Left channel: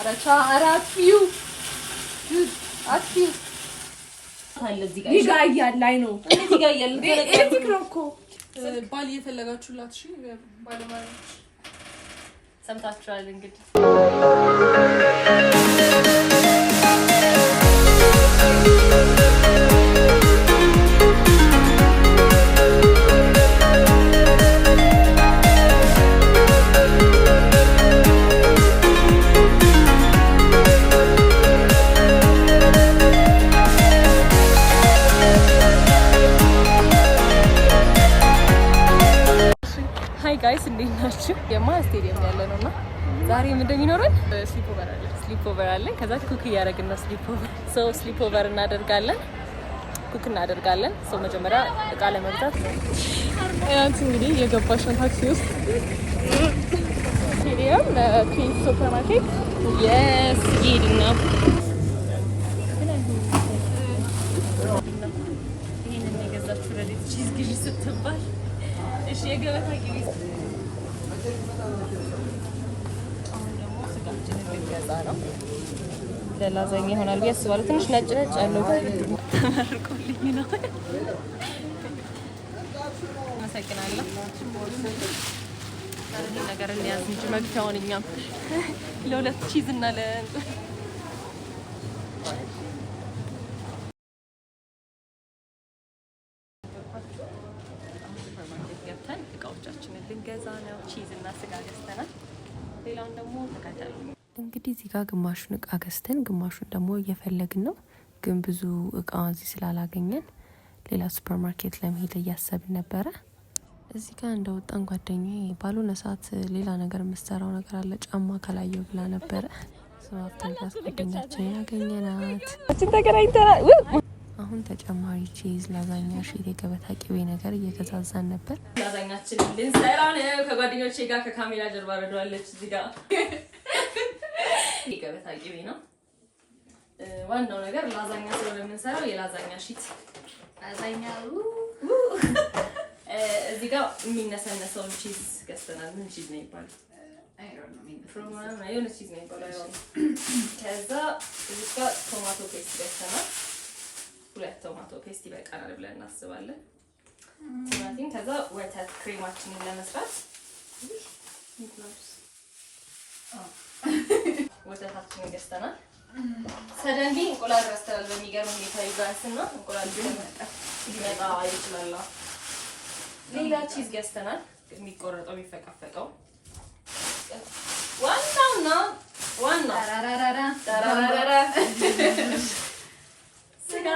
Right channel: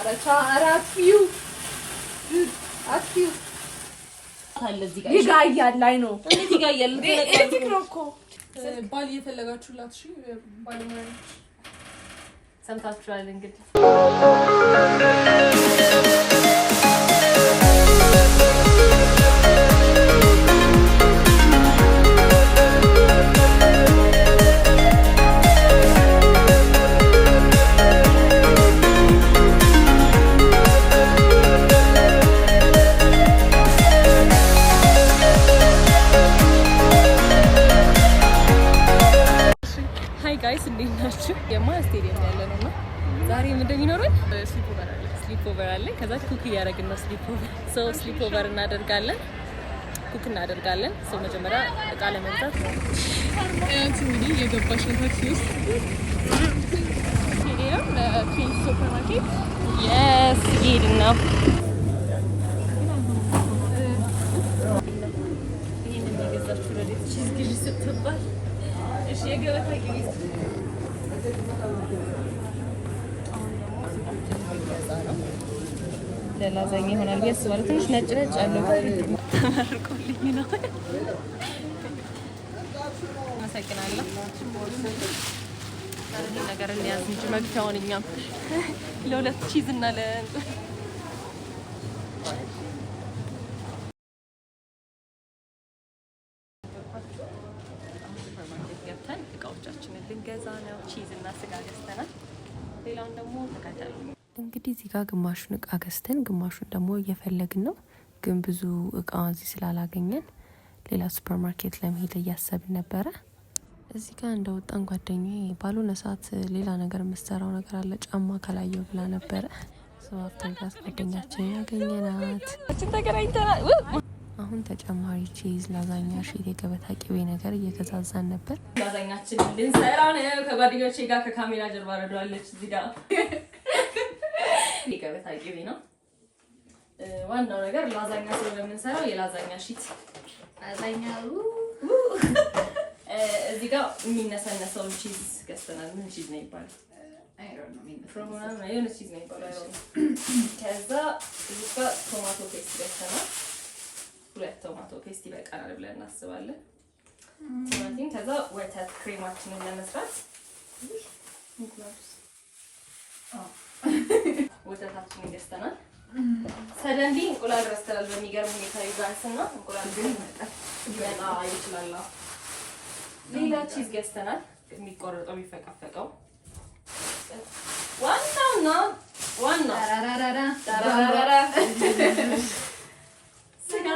አራቻ አራፊው አትፊው ታለዚህ ጋር ይጋያል ላይ ነው ይጋያል እኮ ባል እየፈለጋችሁላት እሺ ባለማሪዎች ሰምታችኋል እንግዲህ ጋይስ እንዴት ናችሁ? የማን ስቴዲየም ያለ ነውና ዛሬ ምን እንደሚኖረን ስሊፕ ኦቨር አለ። ከዛ ኩክ እያደረግን ነው። ስሊፕ ኦቨር እናደርጋለን፣ ኩክ እናደርጋለን። መጀመሪያ እቃ ለመግዛት ነው። ያንቺ እንግዲህ የገባሽ ነው ታክሲ ውስጥ ስቴዲየም ትዊንስ ሱፐርማርኬት ይሄድና ይሄንን የገዛችሁ ረዲት ቺዝ ግዢ ስትባል እሺ የገበታ ግዢ አሁን ደግሞ ስጋችንን ልንገዛ ነው። ለላዛኛ ይሆናል ብዬ አስባለሁ። ትንሽ ነጭ ያለው ተመርቆልኝ ነው። አመሰግናለሁ። ይሄ ነገር እንያዝ እንጂ መግቢያውን እኛም ለሁለት ቺዝ እና እቃዎቻችንን ልንገዛ ነው። ቺዝ እና ስጋ ገዝተናል። ሌላውን ደግሞ ተከታተሉ። እንግዲህ እዚህ ጋር ግማሹን እቃ ገዝተን ግማሹን ደግሞ እየፈለግን ነው። ግን ብዙ እቃ እዚህ ስላላገኘን ሌላ ሱፐርማርኬት ለመሄድ እያሰብን ነበረ። እዚህ ጋር እንደወጣን ጓደኛዬ ባልሆነ ሰዓት ሌላ ነገር የምትሰራው ነገር አለ ጫማ ካላየው ብላ ነበረ። አፍተን ክላስ ጓደኛችንን ያገኘናት ተገናኝተናል። አሁን ተጨማሪ ቺዝ፣ ላዛኛ፣ ሺት፣ የገበታ ቅቤ ነገር እየገዛዛን ነበር። ላዛኛችንን ልንሰራ ነው። ከጓደኞቼ ጋር ከካሜራ ጀርባ ረዷለች። እዚህ ጋር የገበታ ቅቤ ነው ዋናው ነገር። ላዛኛ ስለምንሰራው የላዛኛ ሺት ላዛኛ እዚህ ጋር የሚነሰነሰውን ቺዝ ገዝተናል። ምን ቺዝ ነው ይባላል? የሆነ ቺዝ ነው ይባላል። ከዛ እዚህ ጋር ቶማቶ ፔስት ገዝተናል። 2 ቶማቶ ፔስት ይበቃናል ብለን እናስባለን። ቲማቲም ከዛ ወተት ክሬማችንን ለመስራት ወተታችንን ገዝተናል። ሰደንዲ እንቁላል ረስተናል። በሚገርም ሁኔታ ይዛንስና እንቁላል ግን ሊመጣ ይችላል። ሌላ ቺዝ ገዝተናል። የሚቆረጠው የሚፈቀፈቀው ዋናውና ስጋ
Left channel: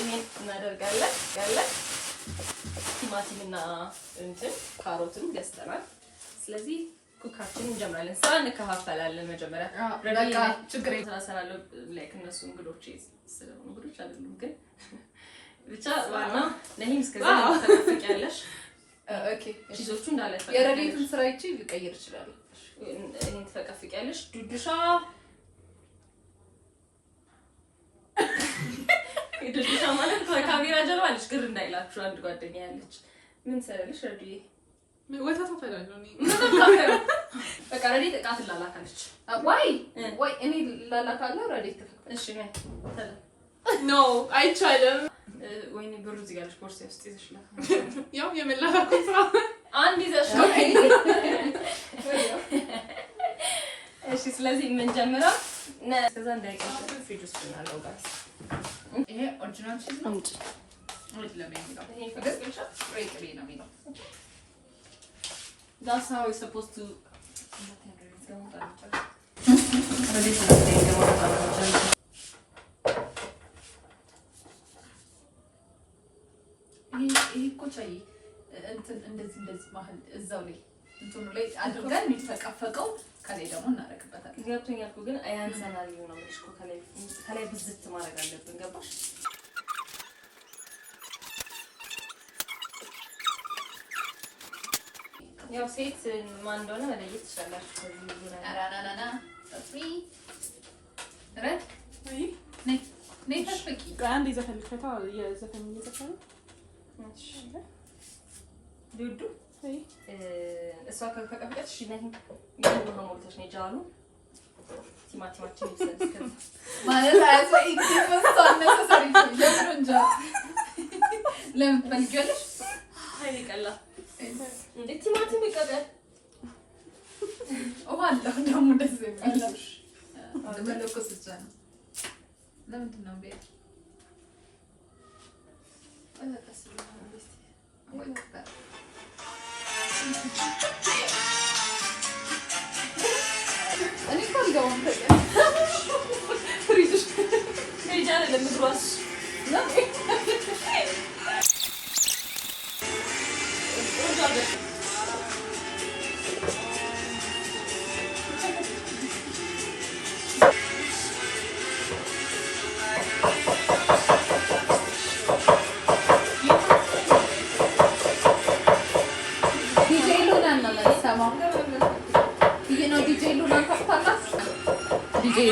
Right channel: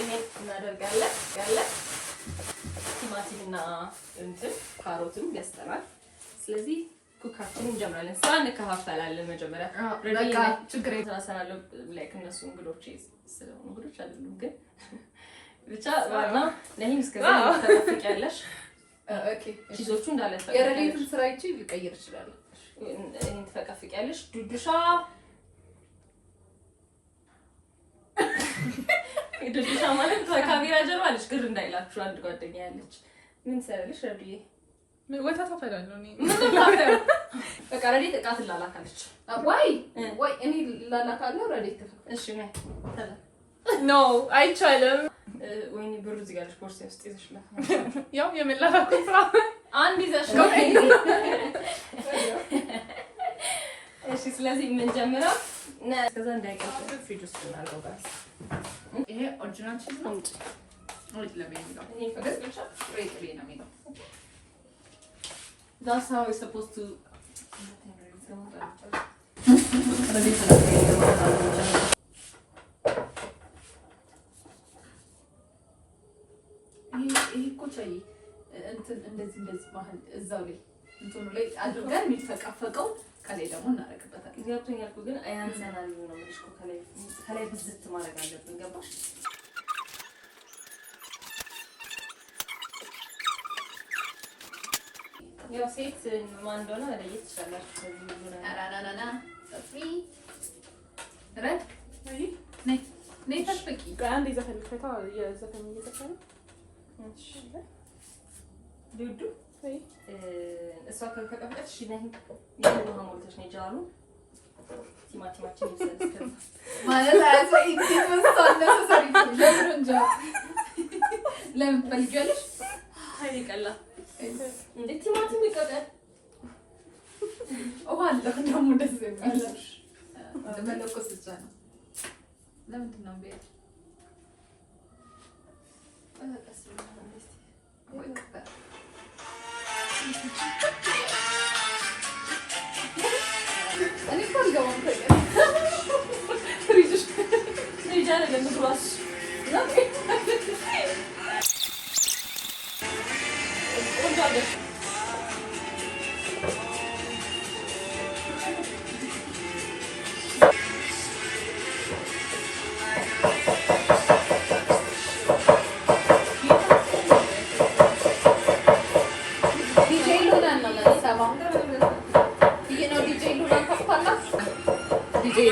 ይሄን እናደርጋለን። ቲማቲምና እንትን ካሮትም ገዝተናል። ስለዚህ ኩካችንን እንጀምራለን። ስራ እንከፋፈላለን። መጀመሪያ በቃ ችግር ተናሰናለሁ። ላይክ እነሱ እንግዶች ስለሆኑ እንግዶች አይደሉም፣ ግን ብቻ ዋና ለሂም እስከዛ ተፈቅያለሽ። ኦኬ ቺዞቹ እንዳለ የረዲቱን ስራ ይቺ ሊቀየር ይችላል። እኔን ተፈቅያለሽ። ዱዱሻ ዱዱሻ ማለት ከካሜራ ጀርባ አለች። ግር እንዳይላችሁ አንድ ጓደኛ ያለች ምን ሰራልሽ? ረዲዬ ወታታ ፈዳለሁ እኔ በቃ ረዲት እቃ ትላላካለች። ወይ እኔ ላላካለሁ። ረዲት ተፈቅደ እሺ ነይ ተላ ኖ አይቻልም። ወይኔ ብሩ እዚህ ጋር ቦርሳ ውስጥ ይዘሽላት ያው የመላላኩ ስራ አንድ ይዘሽ ነው። እሺ ስለዚህ ምን ጀምረው ከዛ እንዳይቀር ፍሪጅ ውስጥ እናደርጋለን። ይሄ ኦሪጂናል ቺዝ ነው። ወይስ ለምን ይሄ ፈገግቻ ሬክሊ ነው የሚለው? That's how it's supposed to ይሄ ኮቻይ እንደዚህ ባህል እዛው ላይ እንትኑ ላይ አድርገን የሚፈቀፈቀው ከላይ ደግሞ እናረክበታለን። ገብቶኛል እኮ ግን አያንሰናል ነው ማለት እኮ ከላይ ብዝት ማድረግ አለብን። ገባሽ? ያው ሴት ማን እንደሆነ መለየት ትችላላችሁ። ከዚህ ሁሉ ነገር አራራራራ ሰፊ ረክ ነይ ተፈቂ አንድ ይዘፈልፈታ የዘፈን እየዘፈነ እሺ ዱዱ እሷ ከፈቀፈቀች እሺ ነኝ ይሄን ነው ሞልተሽ ነው ጃሉ ቲማቲማችን ይሰልስከ ማለት አያሰይ ይመስጣና ሰሪ ለምንጃ ለምን ትፈልጊያለሽ? ሀይል ቀላ እንዴ ቲማቲም ይቀቀል ወላሂ ደግሞ ደስ የሚል ለመለኮስ ብቻ ነው። ለምንድን ነው ቤት አላቀስ ወይ እኔ ካልገባም ፍሪጅ ጃለ ለምግሯስ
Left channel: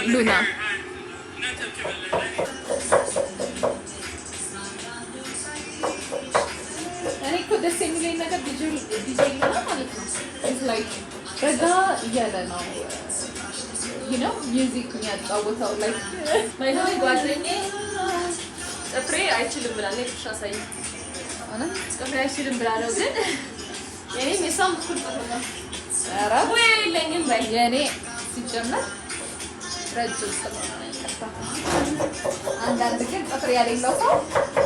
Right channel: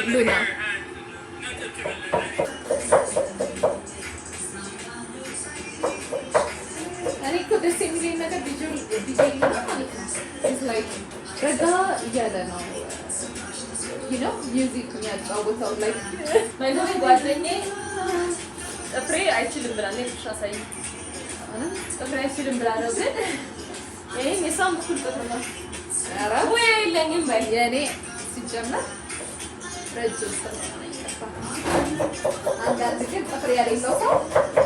ሉና እኔ እኮ ደስ የሚለኝ ነገር ዲጄ ሉና ማለት ነው ረጋ እያለ ነው ሚውዚክ የሚያጫወተው ላይ ማይሆን ጓደኛዬ ጥፍሬ አይችልም ብላ ነው ተሻሳይ ጥፍሬ አይችልም ብላ ነው ግን ይሄም የሷም እኩል ጥፍር ነው። ኧረ ወይ የለኝም በይ የኔ ሲጀመር ረጅም ስለሆነ ነው ይቀርታ አንዳንድ ግን ጥፍር ያሌለው ሰው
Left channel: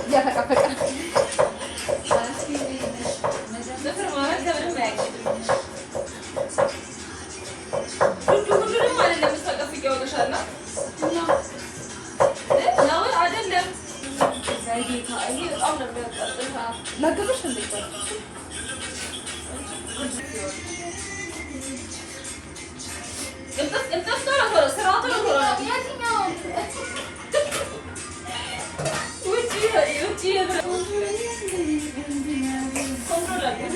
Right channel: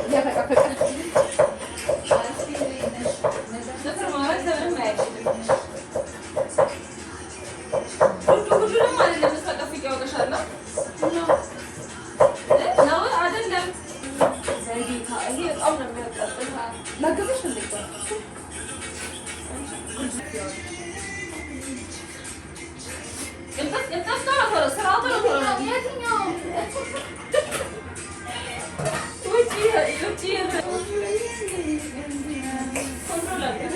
እያፈቀፈቀ ጥፍር ማለት ዘመንም አያውቅም። ሁሉንም አይደለም ተቀፍቅ ያወጣሻል ነው አይደለም ዘይጌታ ይሄ በጣም ነው የሚያቃጥል ለግብሽ እንዴት ቅንጥፍ ቶሎ ስራው ቶሎ የትኛው ውጪ ኮንትሮል አድርጊ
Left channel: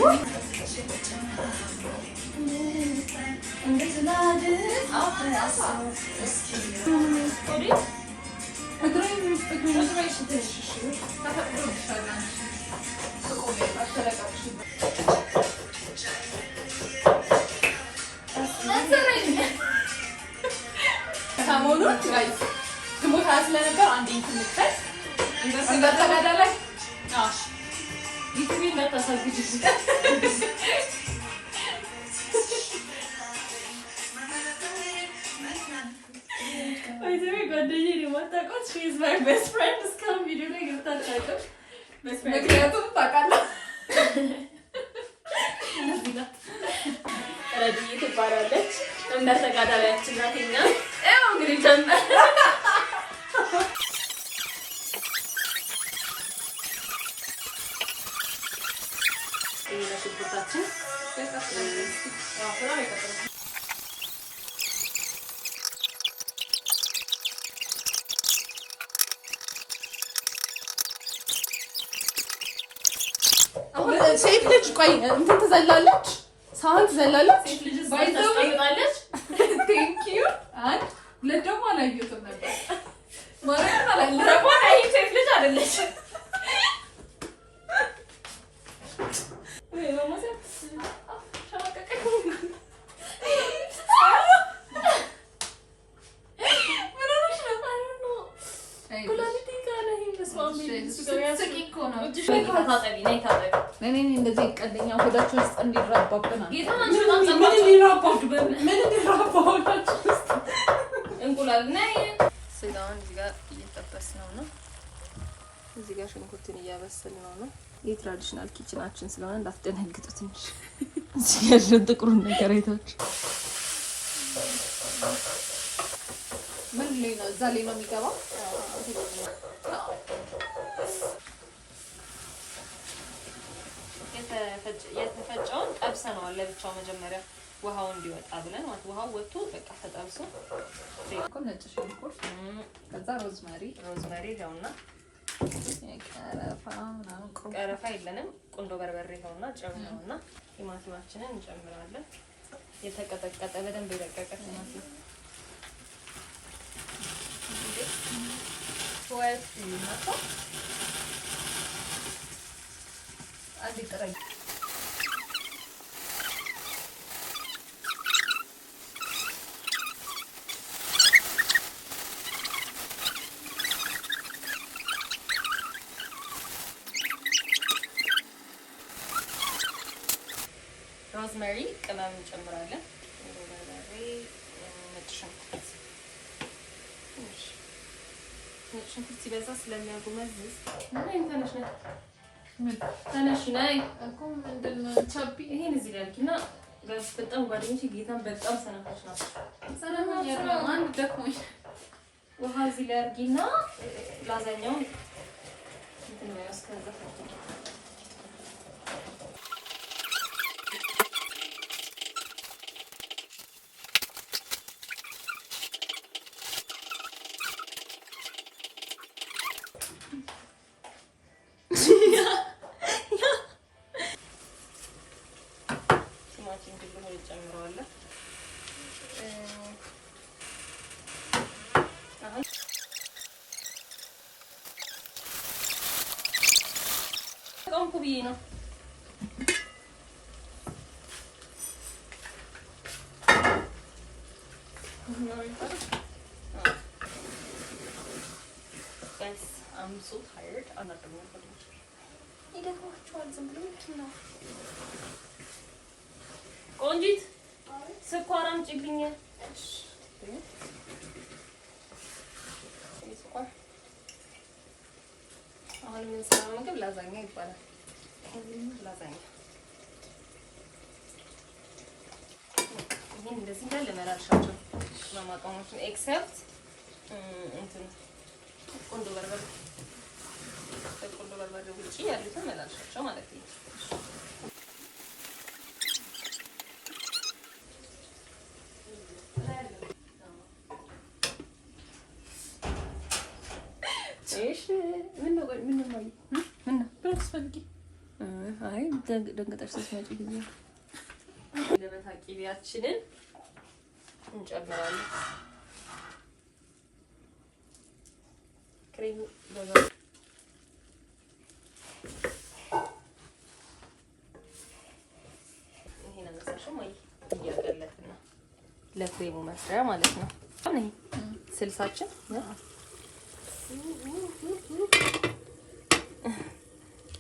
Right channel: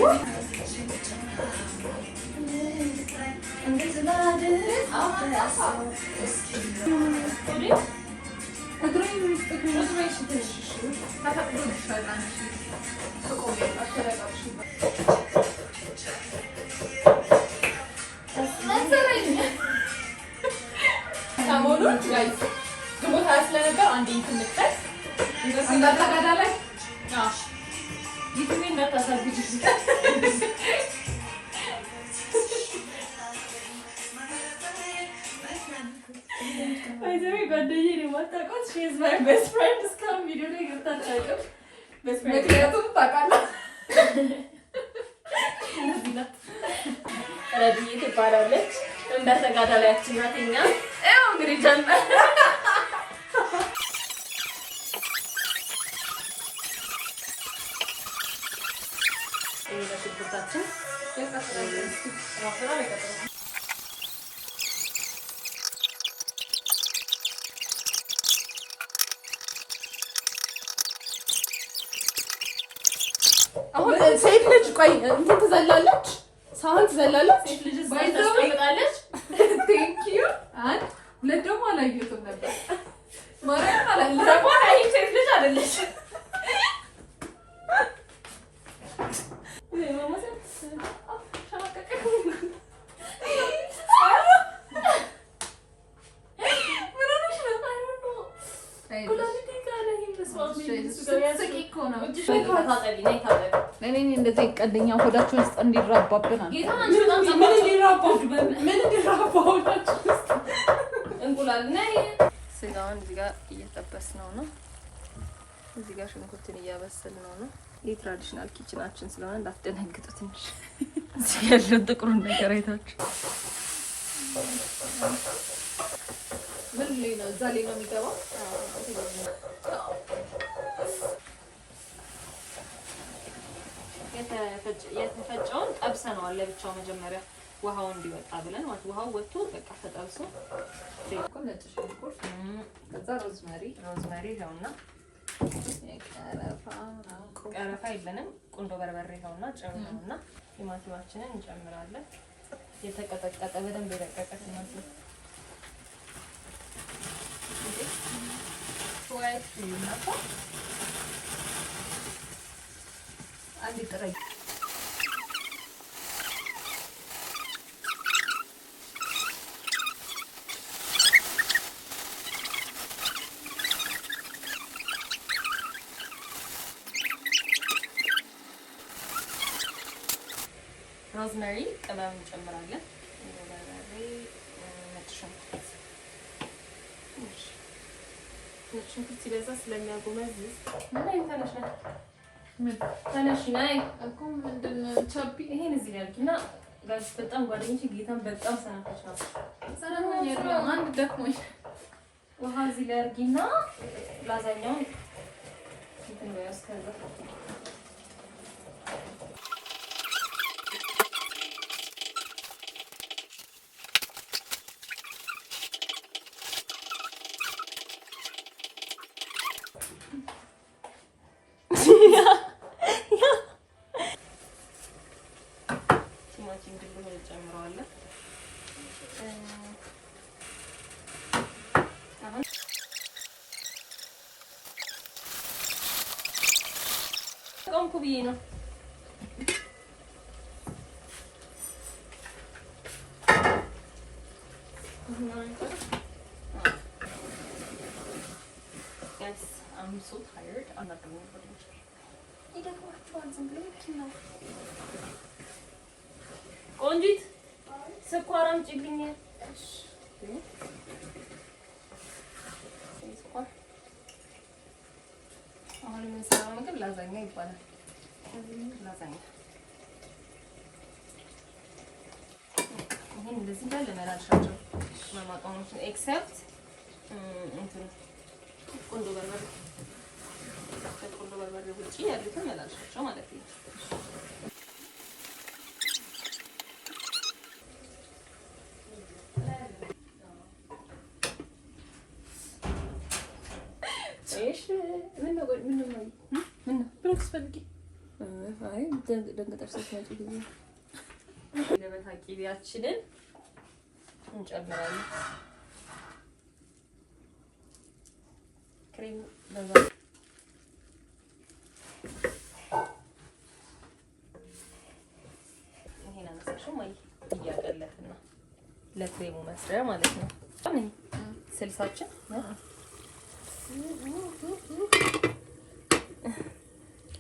ሰሞኑን ጋይስ ግሞታ ስለነበር አንዴ እንትንከት እንዳታጋዳ ላይ ይክሪ እንዳታሳግጂ ጓደኛዬ ነው የማታውቀው she is my best friend እስካሁን ቪዲዮ ላይ ገብታ አታውቅም ምክንያቱም ታውቃለህ ረድዬ ትባላለች እንዳተጋዳላያችን ናት እኛ ያው እንግዲህ ጀመር ይሄ ነው ሽንኩርታችን ሴት ልጅ ቆይ እንትን ትዘላለች ሳህን ትዘላለች ሴት ልጅ ታስቀምጣለች ቴንክ ዩ አንድ ሁለት ደግሞ አላየሁትም ነበር ማርያምን አላየሁትም ደግሞ አይ ሴት ልጅ አይደለች እኔ እንደዚህ ቀደኛ ሆዳችሁ ውስጥ እንዲራባብና እንቁላል እና ስጋውን እዚህ ጋር እየጠበስነው ነው። እዚህ ጋር ሽንኩርትን እያበሰልነው ነው። የትራዲሽናል ኪችናችን ስለሆነ እንዳትደነግጡ ትንሽ እዚህ ያለው ጥቁሩን ነገር አይታችሁ ምን ላይ ነው? እዛ ላይ ነው የሚገባው። የተፈጨውን ጠብሰነዋል ለብቻው መጀመሪያ ውሃው እንዲወጣ ብለን ማለት ውሃው ወጥቶ በቃ ተጠብሶ ነጭ ሽንኩርት ከዛ ሮዝመሪ ይኸውና ቀረፋ የለንም ቁንዶ በርበሬ ይኸውና ጨው ይኸውና ቲማቲማችንን እንጨምራለን። የተቀጠቀጠ በደንብ የደቀቀ ቲማቲም ወይ እናታ አንዴ ጥረይ ቅመም እንጨምራለን። ነጭ ሽንኩርት ሲበዛ ስለሚያጎመዝዝ ተነሽ ነይ እኮ ምንድን ነው ቻፒ ይሄን እዚህ ላይ አድርጊና ጋዝ በጣም ጓደኞቼ ጌታን በጣም ሰናፈሽ ነው። ሰላም ያለው አንድ ደክሞኝ ውሃ እዚህ ላይ አድርጊና ላዛኛውን እንትን ነው ያስከዛ ጨምረዋለን። አሁን ቆምኩ ብዬ ነው። I'm so tired. I'm not going to ይደክማችኋል። ዝም ብሎ ነው ቆንጂት ስኳር አምጪልኝ። እሺ ስኳር አሁን የምንሰራው ምግብ ላዛኛ ይባላል። ላዛኛ ይሄን እንደዚህ እንዳለ መላልሻቸው ማማጣሞችን ኤክሰፕት እንትን ቆንጆ በርበሬ ከቆንጆ በርበሬ ውጪ ያሉትን መላልሻቸው ማለት ነው። ደንገጠሽ ስትመጪ ጊዜ ገበታ ቂቤያችንን እንጨምራለን። ክሬም በዛ ይሄን አነሳሽው ማይ እያቀለጥን ነው ለክሬሙ መስሪያ ማለት ነው። ስልሳችን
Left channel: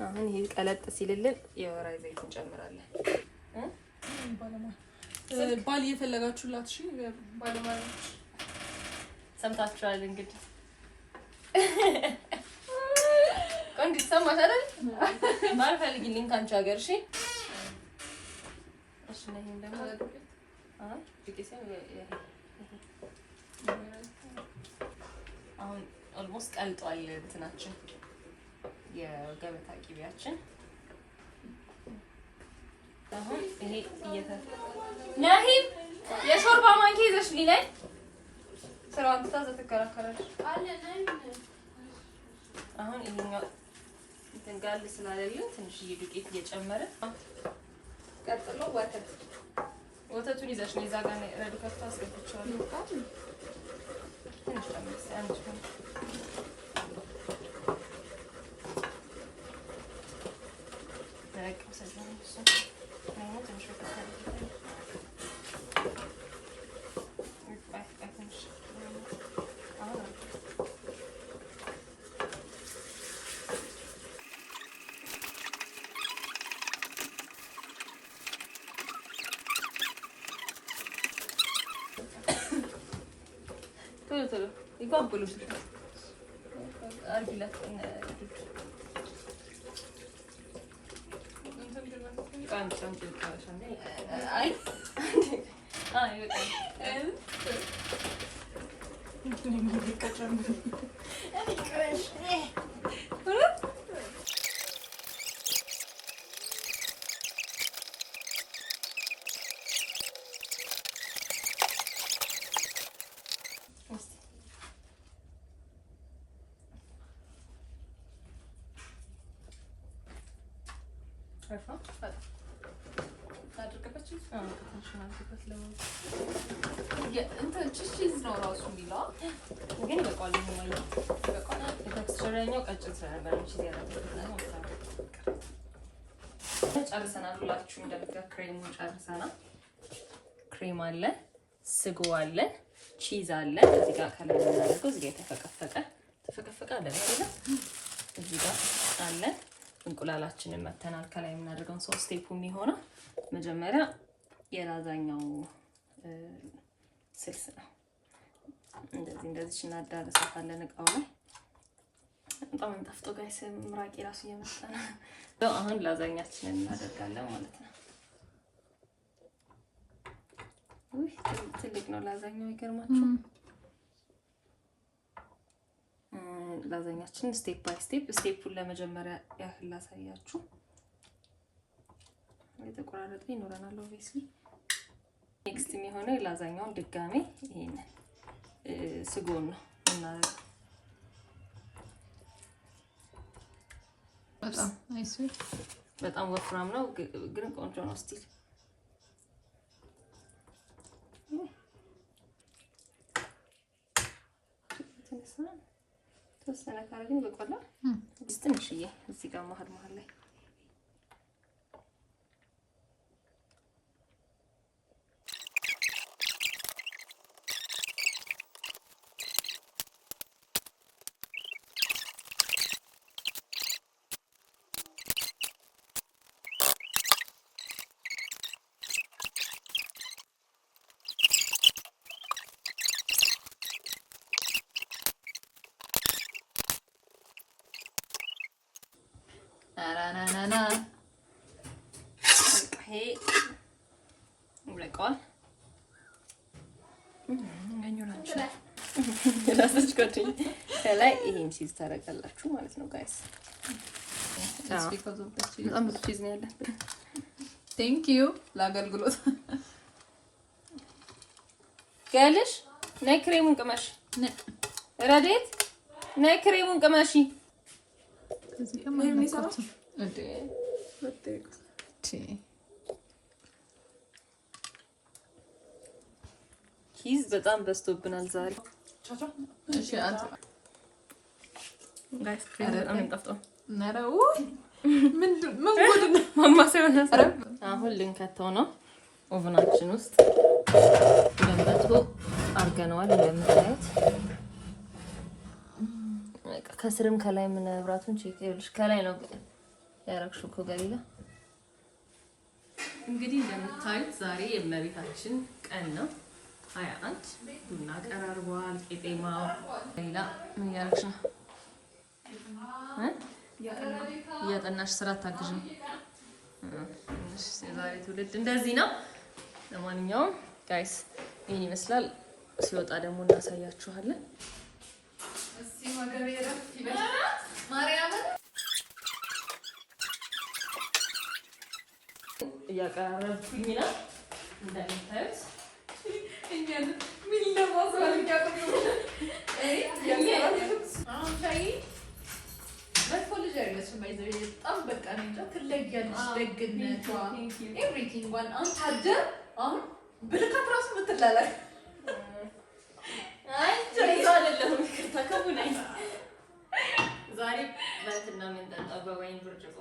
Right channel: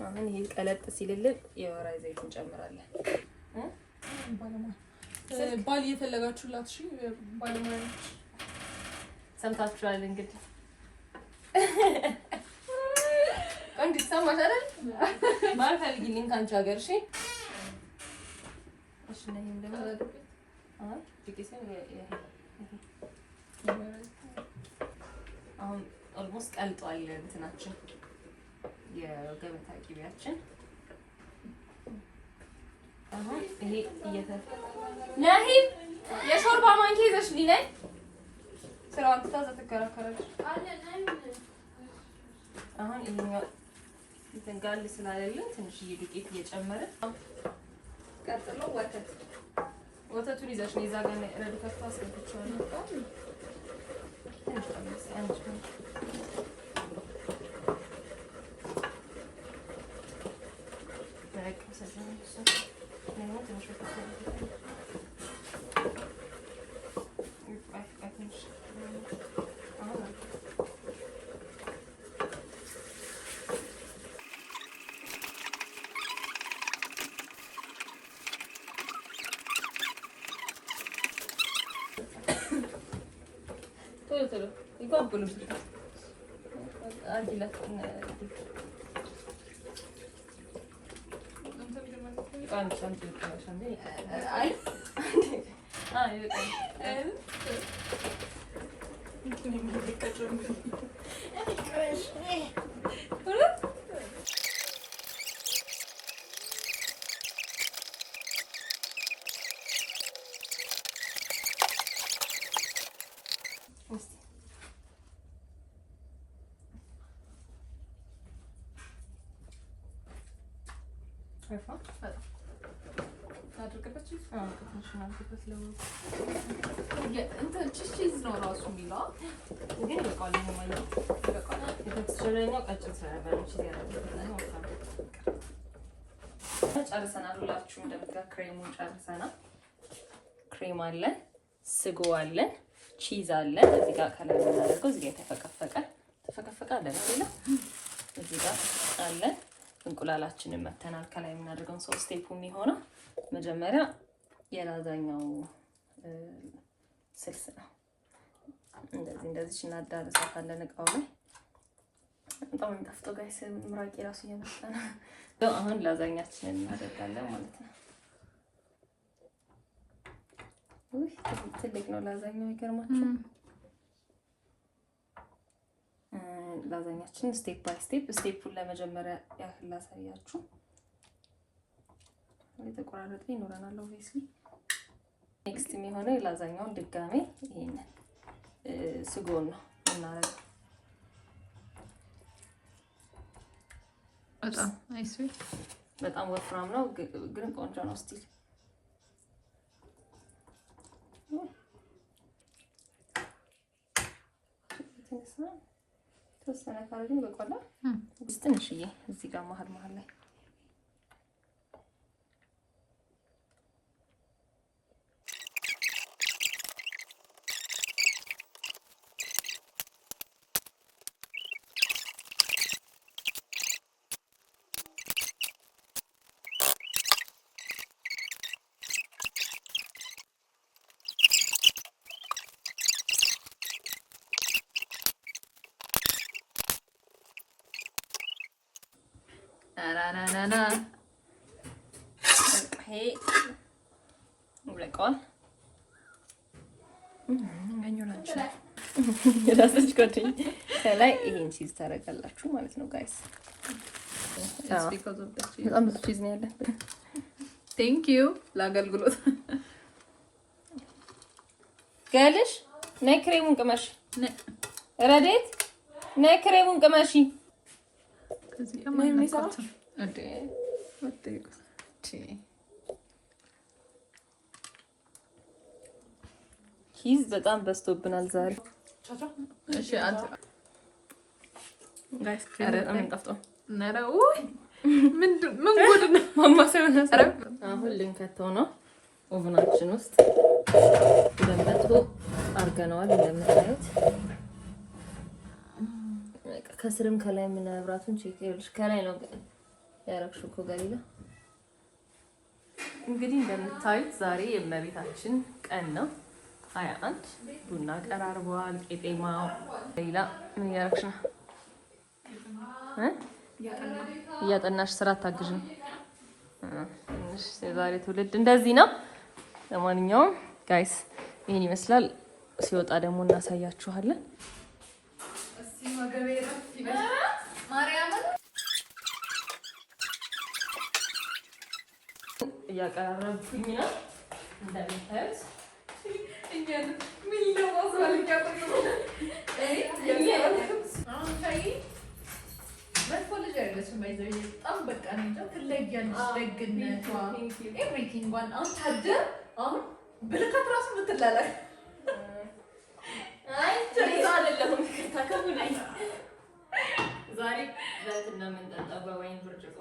አሁን ይሄ ቀለጥ ሲልልን የወይራ ዘይት እንጨምራለን። ባል እየፈለጋችሁላት እሺ፣ ባለሙያዎች ሰምታችኋል እንግዲህ። ቆንጆ ሰማሽ አይደል? ባል ፈልጊልኝ ካንቺ ሀገር። እሺ እሺ ነው እንደው አሁን ኦልሞስት ቀልጧል እንትናችን የገበታ ቂቤያችን። አሁን ይሄ ነሂም የሾርባ ማንኪያ ይዘሽ ሊላይ ስራውን ትታዘ ትከራከራለች። አሁን ይሄኛው እንትን ጋል ስላለለ ትንሽዬ ዱቄት እየጨመረ ቀጥሎ ወተቱን ይዘሽ ነው እዛ ጋር ረዱ ከፍታ አስገብቼዋለሁ። ትንሽ አንቺ ቶሎ ይጓጉሉ አዲላት ቺዝ ነው ራሱ የሚለው ግን በቃል ነው ማለት በቃል የተክስቸረኛው ቀጭን ስለነበር ቺዝ ያደረገው ጨርሰናል። ሁላችሁ እንደምትጋ ክሬሙን ጨርሰናል። ክሬም አለ፣ ስጎ አለ፣ ቺዝ አለ። እዚህ ጋር ከላይ እናደርገው እዚህ ጋር ተፈቀፈቀ አለ ነው እዚህ ጋር አለ። እንቁላላችንን መተናል። ከላይ የምናደርገው 3 ስቴፕ የሚሆነው መጀመሪያ የላዛኛው ስልስ ነው። እንደዚህ እናዳርሳታለን እቃው ላይ። በጣም የሚጣፍጠው ጋይስ ምራቂ ራሱ እየመጣ ነው። አሁን ላዛኛችንን እናደርጋለን ማለት ነው። ውይ ትልቅ ነው ላዛኛው ይገርማችሁ። ላዛኛችን ስቴፕ ባይ ስቴፑን ለመጀመሪያ ያህል ላሳያችሁ። የተቆራረጠ ይኖረናል ኦብቪስሊ። ኔክስት የሚሆነው ላዛኛውን ድጋሜ ይሄንን ስጎን ነው እናደርገው። በጣም አይስ በጣም ወፍራም ነው ግን ቆንጆ ነው ስቲል። ተወሰነ ካረግን በቆላ ትንሽዬ እዚህ ጋር መሀል ላይ ናናናና ይሄ ይበቃዋል። እንገኛለን ራስሽ ከትኝ ከላይ ይሄን ቺዝ ታደርጋላችሁ ማለት ነው ጋይስ። በጣም ብዙ ቺዝ ነው ያለው። ቴንክ ዩ ለአገልግሎት ጋልሽ ነይ ክሬሙን ቅመሽ። ረዴት ነይ ክሬሙን ቅመሽ። እዚህ ከማይ ነው እንዴ ቺዝ በጣም በዝቶብናል ዛሬ። እሺ አንተ ጋይስ ክሬም በጣም እንጣፍጣው ነራው ምን ጉድ ነው ማማሰያ ነሰረ። አሁን ልንከተው ነው ኦቨናችን ውስጥ ለምበቶ አርገናል እንደምታዩት። ከስርም ከላይ ምን አብራቱን ቼክ ይልሽ ከላይ ነው ያረክሽው ከገሊላ። እንግዲህ እንደምታዩት ዛሬ የእመቤታችን ቀን ነው 21 ቡና ቀራርቧል። ቄጤማው ገሊላ ምን ያረክሽ ነው? እያጠናሽ ስራ ታግዥም። እሺ ዛሬ ትውልድ እንደዚህ ነው። ለማንኛውም ጋይስ ይሄን ይመስላል። ሲወጣ ደግሞ እናሳያችኋለን። እሺ ማገበረ ማርያም እያቀረብኩኝ ነው እንደምታዩት። እንጀራ ምን ለማስዋል ያቀርቡ ልጅ አይደለችም። ባይዘው በጣም በቃ ነው እንጃ ትለያለች። ደግነቷ ኤቭሪቲንግ ዋን አሁን ታደር አሁን ብልካት ራሱ ምትላላክ አይ ተይዛ አይደለም ከተከቡናይ ዛሬ በእንትና ምን ጠጣው በወይን ብርጭቆ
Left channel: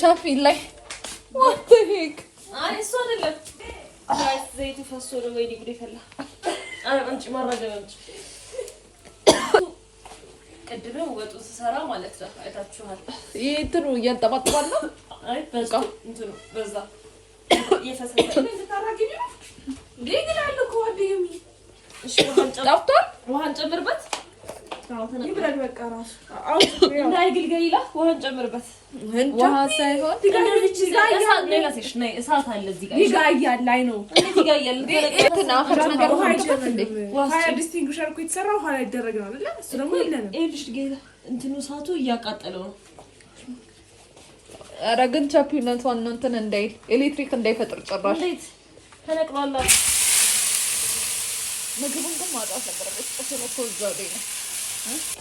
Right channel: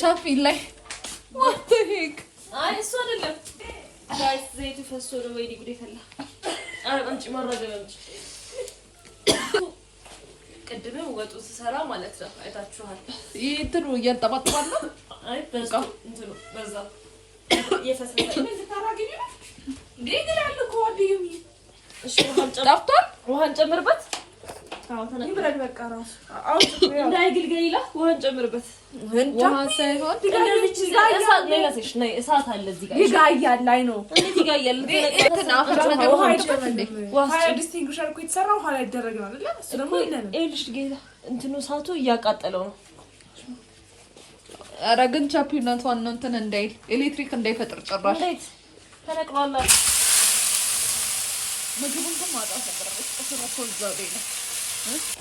ቻፊ ላይ what the heck አይ እሱ አይደለም ጋይስ ዘይቱ ፈሶ ነው ወይ ዲግሪ ፈላ አንቺ ማረጋገጥ ቅድም ወጡ ሰራ ማለት ነው አይታችኋል። ይሄ እንትኑ እያንጠባጠባል ነው። አይ በቃ እንትኑ በዛ የፈሰሰ ምን ታራግኝ ሊግላል እኮ ወዲው እሺ ውሃን ጨምርበት ይብራል በቃ ራስ እንዳይግል ገሊላ ውሃን ጨምርበት። ውሃ ሳይሆን እሳት አለ እዚህ ጋር ይጋያል ላይ ነው ይጋያል እንትና አፈር ነገር ውሃ ጨምርበት እንዴ ሀያ ዲስቲንጉሽር እኮ የተሰራው ውሃ ላይ ይደረግ ነው አይደል? እሱ ደግሞ ይለነ እልሽ ጌታ እንትኑ እሳቱ እያቃጠለው ነው። ኧረ ግን ቻፒነቷን ነው እንትን እንዳይ ኤሌክትሪክ እንዳይፈጥር ጭራሽ እንዴት ተነቅሏል። ምግቡን ግን ማጣት ነበረበት። እሱ ነው እዛው ላይ ነው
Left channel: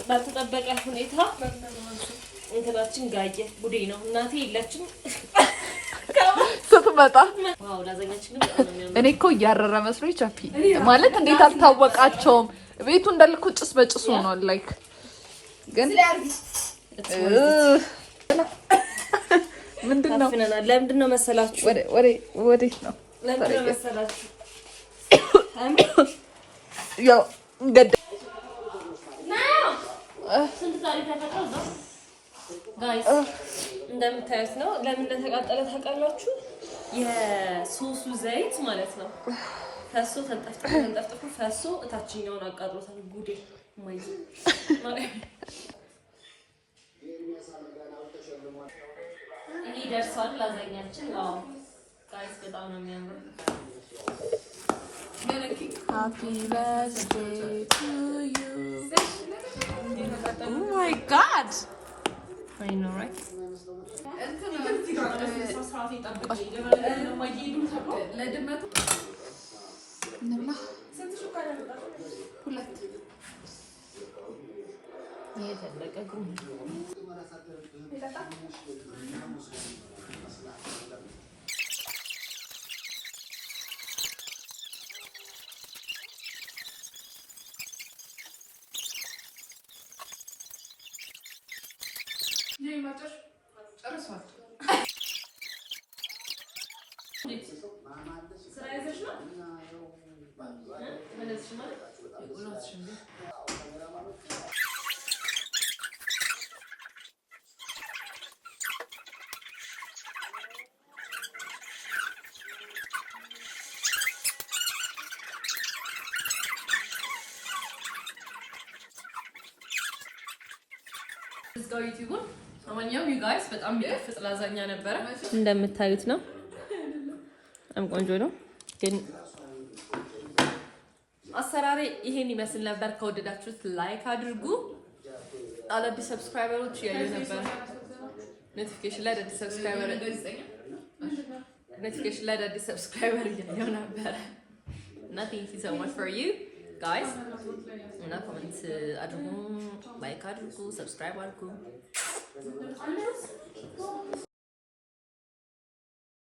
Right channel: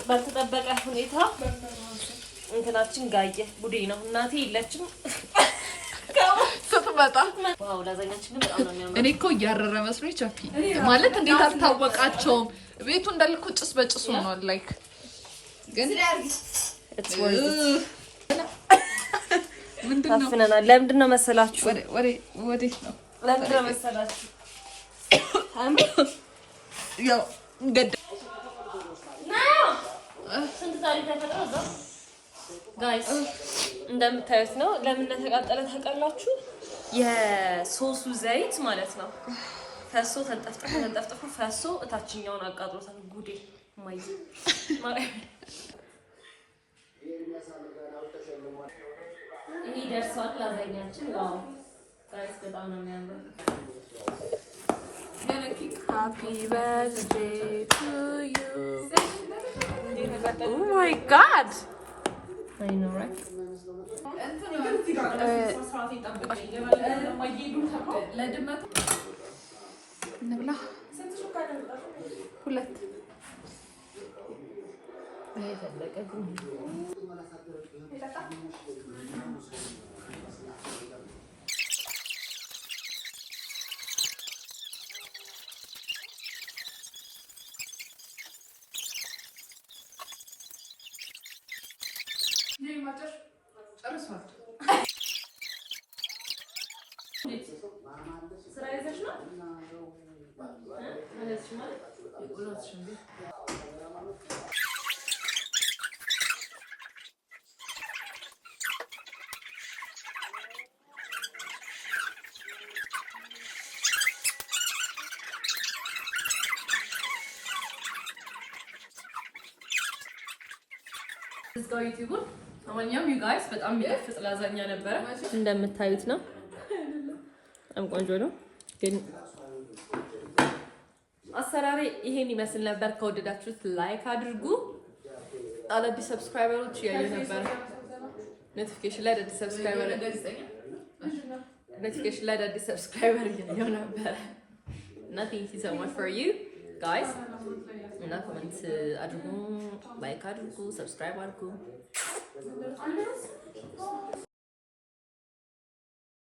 ባልተጠበቀ ሁኔታ እንትናችን ጋየ ቡዴ ነው። እናቴ የለችም ስትመጣ ዋው ላዛኛችን በጣም ነው የሚያምረው። እኔ እኮ እያረረ መስሎኝ ቻፒ ማለት እንዴት አልታወቃቸውም። ቤቱ እንዳልኩ ጭስ በጭስ ሆኗል። ላይክ ግን ምንድነው? ታፍነናል። ለምንድነው መሰላችሁ? ወዴት ነው? ለምንድነው መሰላችሁ? ያው ገደ ስንት ታሪክ ተፈጥሮ እዛ ጋይስ እንደምታዩት ነው። ለምን እንደተቃጠለ ታውቃላችሁ? የሶሱ ዘይት ማለት ነው ፈሶ ተንጠፍጥፎ ፈሶ እታችኛውን አቃጥሎታል። ጉዴ ማይ ይሄ ደርሷል። ላዛኛችን ዋው ጋይስ በጣም ነው የሚያምረው። Happy birthday to you. Oh my god. I know right? ነብላ ሁለት የተለቀ ጉም ጨርሷል። ስራ ይዘሽ ነው? ለማንኛውም ዩ ጋይስ በጣም የሚጣፍጥ ላዛኛ ነበረ። እንደምታዩት ነው። በጣም ቆንጆ ነው። ግን አሰራሬ ይሄን ይመስል ነበር። ከወደዳችሁት ላይክ አድርጉ። አዳዲስ ሰብስክራይበሮች እያየሁ ነበር። ኖቲፊኬሽን ላይ አዳዲስ ሰብስክራይበር እያየሁ ነበር እና ቴንክ ዩ ሶ ማች ፎር ዩ ጋይስ እና ኮሜንት አድርጉ፣ ላይክ አድርጉ፣ ሰብስክራይብ አድርጉ።